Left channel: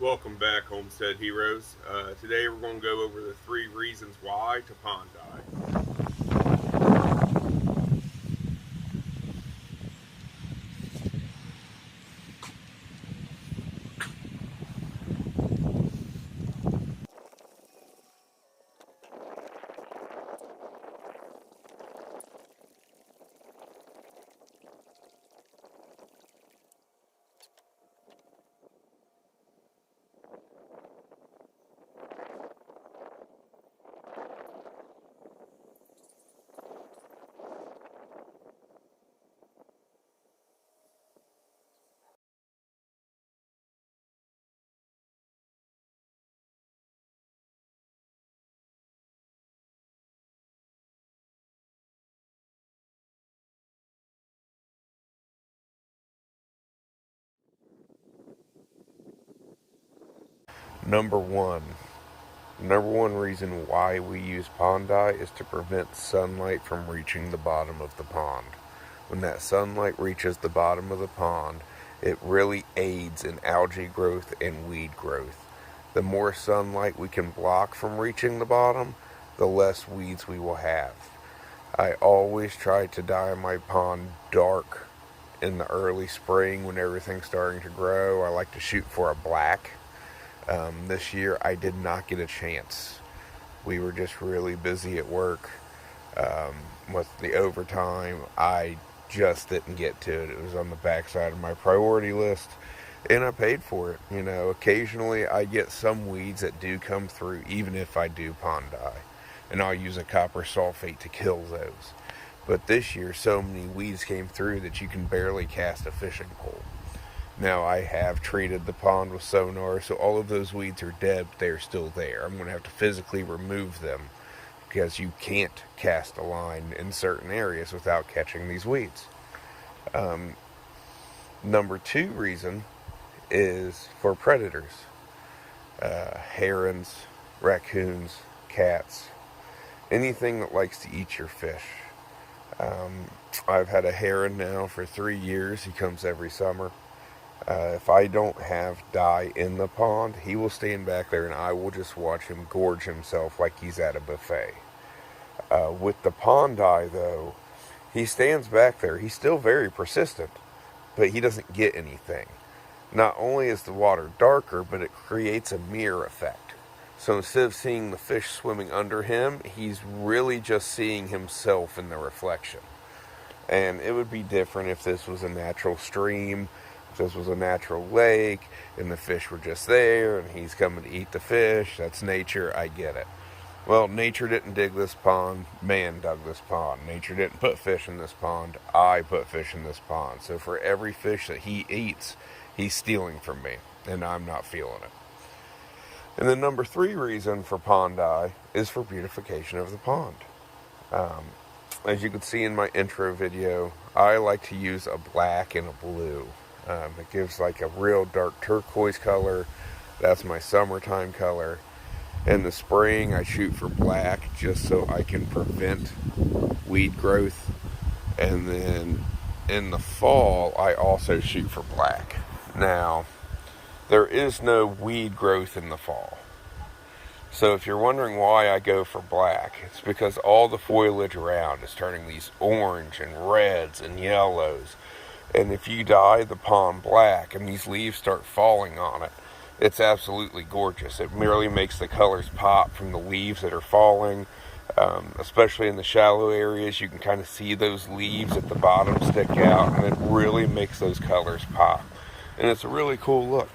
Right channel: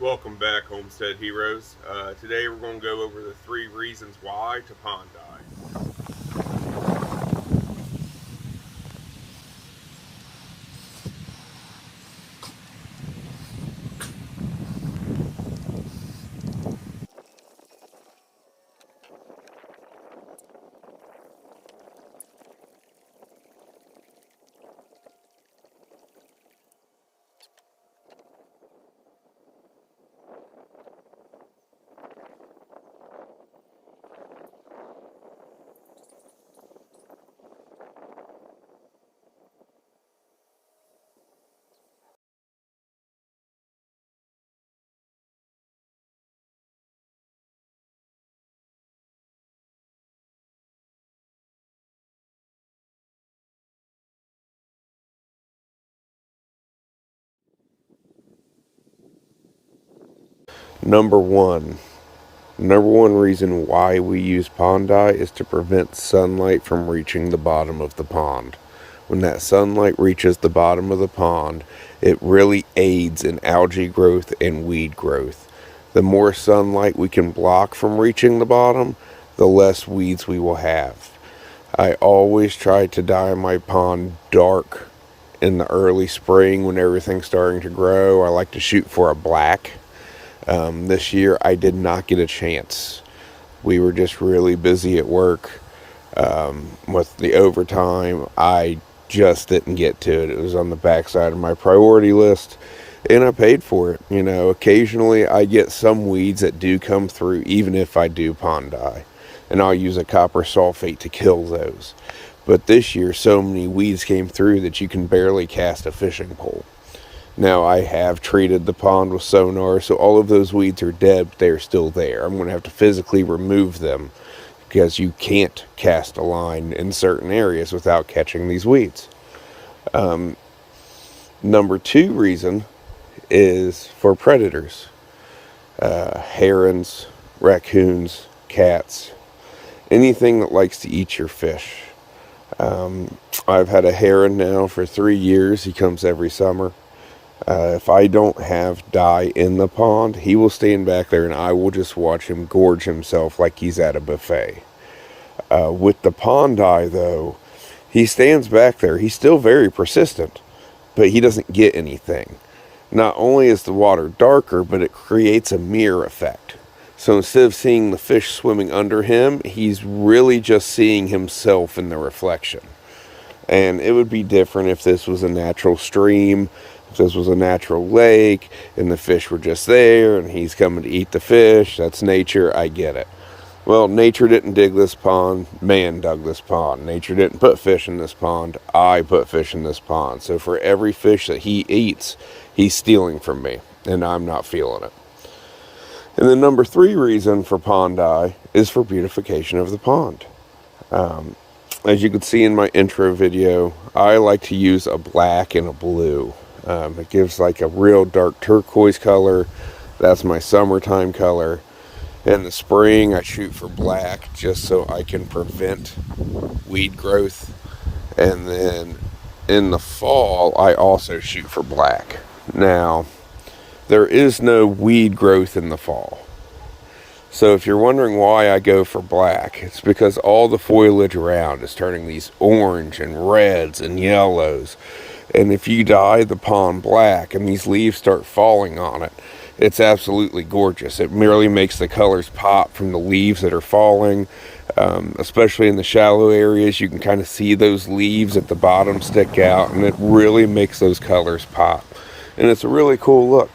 Welcome back, Homestead Heroes. Today we're going to go over the 3 reasons why to pond dye. Number one. Number one reason why we use pond dye is to prevent sunlight from reaching the bottom of the pond. When that sunlight reaches the bottom of the pond, it really aids in algae growth and weed growth. The more sunlight we can block from reaching the bottom, the less weeds we will have. I always try to dye my pond dark in the early spring when everything's starting to grow. I like to shoot for a black. This year I did not get a chance. We were just really busy at work with the overtime. I just didn't get to it. It was on the backside of my priority list, and I paid for it. You know, occasionally I get some weeds that do come through, even if I do pond dye, and I'll use a copper sulfate to kill those. But this year, so many weeds came through that you can barely cast a fishing pole. Now, I have treated the pond with sonar, so all of those weeds are dead, but they're still there. I'm going to have to physically remove them because you can't cast a line in certain areas without catching these weeds. Number two reason is for predators. Herons, raccoons, cats, anything that likes to eat your fish. I've had a heron now for 3 years. He comes every summer. If I don't have dye in the pond, he will stand back there and I will just watch him gorge himself like he's at a buffet. With the pond dye, though, he stands back there. He's still very persistent, but he doesn't get anything. Not only is the water darker, but it creates a mirror effect. So instead of seeing the fish swimming under him, he's really just seeing himself in the reflection. And it would be different if this was a natural stream, if this was a natural lake, and the fish were just there, and he's coming to eat the fish. That's nature, I get it. Well, nature didn't dig this pond, man dug this pond. Nature didn't put fish in this pond, I put fish in this pond. So for every fish that he eats, he's stealing from me, and I'm not feeling it. And the number three reason for pond dye is for beautification of the pond. As you can see in my intro video, I like to use a black and a blue. It gives like a real dark turquoise color. That's my summertime color. In the spring, I shoot for black just so I can prevent weed growth. And then in the fall, I also shoot for black. Now, there is no weed growth in the fall. So if you're wondering why I go for black, it's because all the foliage around is turning these orange and reds and yellows. And if you dye the pond black and these leaves start falling on it, it's absolutely gorgeous. It merely makes the colors pop from the leaves that are falling. Especially in the shallow areas, you can kind of see those leaves at the bottom stick out, and it really makes those colors pop. And it's a really cool look.